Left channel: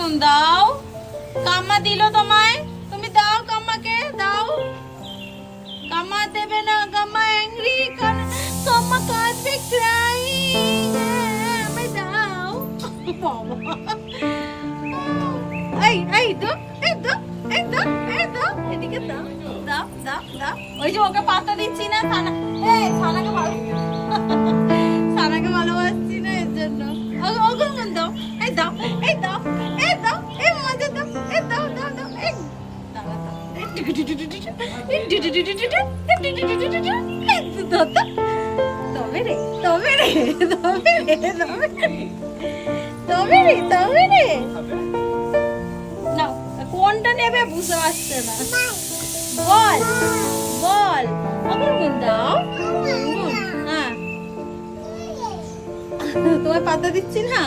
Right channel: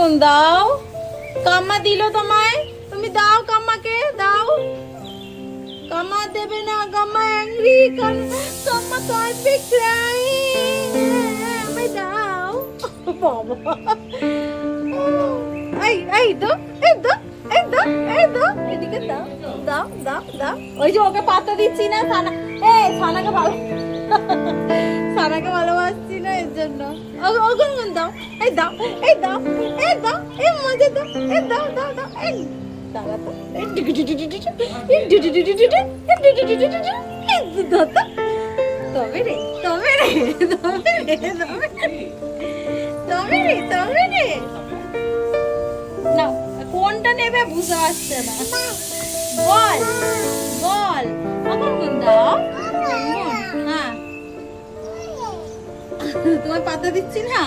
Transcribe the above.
গুন দাও। কাম্মা দিল তোমায়, তুমি দাও কাম্মাকে দাও। কাম্মা দেবে না, কাম্মা অ্যাংরি, কাম্মা কাঁদছে, ক্রাইং। আমায় দাও বাবা। এই দাও, এই দাও, এই দাও, এই দাও, এদিকে দাও, দাও দাও দাও। ওই যে ওকে পাত্তা দিচ্ছি না, সানা সানাকে ভালো, সানাকে ভালোবাসছি না এর জন্য। ওগুন দাও, এই দাও, এই দাও, এই দাও, এই মজা দাও, এই দাও দাও দাও, এই দাও দাও, তবে রে, তবে রে, তবে রে, তবে রে, তবে রে। নাও, কোনটা নেবে বুঝতে পারছে না। বল বল, আবার গুন দাও। হ্যাঁ, তোমায় পাতা দিচ্ছি না।